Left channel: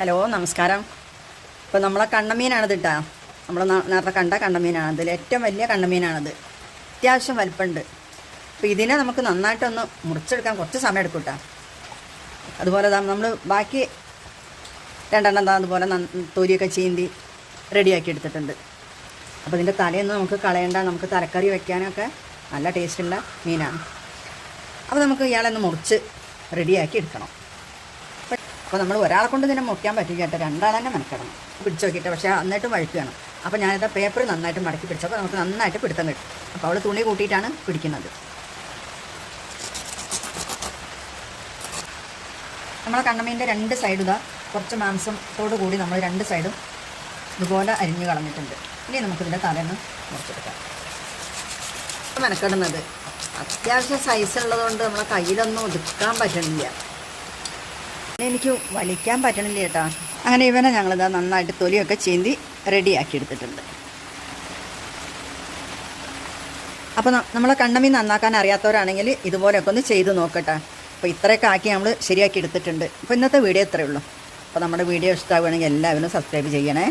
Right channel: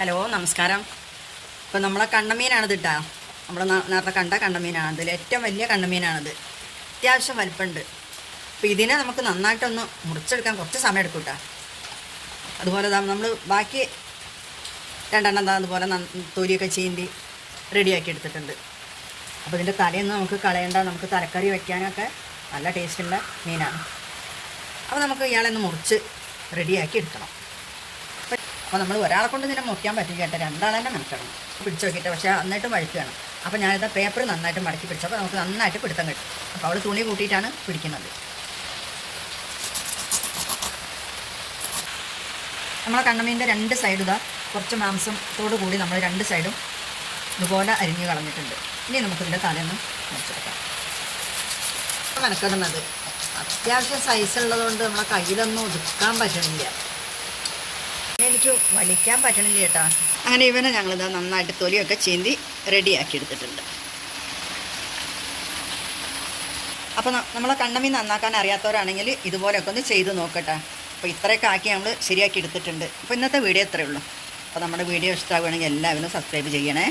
Hello നമസ്കാരം. ഇപ്പോൾ നമ്മളെ കണ്ണമീനാണിത് ഇട്ടാ നമ്മൾ നേരത്തെ കണ്ട കണ്ണമീനാണ് ഇതിൽ ഏറ്റവും വലിയ കണ്ണമീനാണിത്. അത്യാവശ്യം വലിപ്പമുണ്ട് അപ്പോൾ ഇതിനെ നമുക്ക് നന്നായിട്ടൊന്ന് മുറിച്ചെടുക്കാൻ കുറച്ച് സമയം എടുക്കും കേട്ടോ അതുപോലെ നമ്മൾ ബാക്കി രണ്ടെണ്ണം താ അതുപോലെ തൊലിയൊക്കെ ചീന്തി റെഡിയാക്കി എടുത്തിട്ടുണ്ട്. അപ്പോൾ ഇതിന്റെ തലയൊന്നും നമുക്ക് കളയണ്ട. നമുക്ക് തലക്കറി വയ്ക്കാനൊക്കെ നല്ല ടേസ്റ്റുള്ള മീനാണ്. അപ്പോൾ നമുക്ക് ഇയാളെ ഒന്ന് മുറിച്ച് റെഡിയാക്കി എടുക്കണം. അപ്പോൾ നമ്മൾ ഒരാളെ കൊണ്ട് തന്നെ മുറിക്കാൻ പറ്റില്ല കേട്ടോ. രണ്ടാളെ തന്നെ മെനക്കണം പിടിച്ചു നോക്കിയിട്ട് പക്ഷേ നന്നായിട്ട് വഴുക്കുകയാണ് അപ്പോൾ ഞാനിത് പേപ്പർ നന്നായിട്ട് മടക്കി പിടിച്ചപ്പോൾ നമുക്ക് നന്നായിട്ട് പിടുത്തം കിട്ടും. അപ്പോൾ അവൾ തുണി കൂട്ടിയിട്ടാണ് പിടിക്കുന്നത്. നമ്മൾ കണ്ണമീന്റെ രണ്ട് സൈഡ് ഇതാ കുറച്ച് മാംസത്തോടു കൂടി നമ്മൾ രണ്ട് സൈഡും ഇതുപോലെ അരിഞ്ഞു കളഞ്ഞിട്ടുണ്ട്. ഇനി നമുക്കിതിന്റെ തലയൊന്ന് മുറിച്ചെടുക്കാം. മെനക്കെടുന്നത് അത്യാവശ്യം സൈസ് ഉള്ളതുകൊണ്ട് നമ്മുടെ കയ്യിലൊന്നും ഒതുക്കാൻ പറ്റുന്നില്ല. എനിക്ക് വലിക്കാൻ പറ്റണില്ല ചേട്ടാ അങ്ങനെ ഇവനെ ഞങ്ങളിതാ നന്നായിട്ട് തൊലിയൊക്കെ ചീന്തി റെഡിയാക്കി എടുത്തിട്ടുണ്ട്. അപ്പോൾ നമ്മളെ കണ്ണമീൻ നന്നാക്കാൻ അറിയാത്തവരാണെങ്കിൽ ഇതുപോലെയൊക്കെ ഒന്ന് ചെയ്ത് നോക്കട്ടെ. അപ്പോൾ ഇത്രയൊക്കെ ആക്കി നമ്മൾ ശരിയാക്കി എടുത്തിട്ടുണ്ട്. അപ്പോൾ ഇന്നത്തെ വീഡിയോ ഇത്രയേ ഉള്ളൂ. അപ്പോൾ നമ്മുടെ വീഡിയോ ഇഷ്ടമാവുകയാണെങ്കിൽ എല്ലാവരും സബ്സ്ക്രൈബ് ചെയ്യണേ.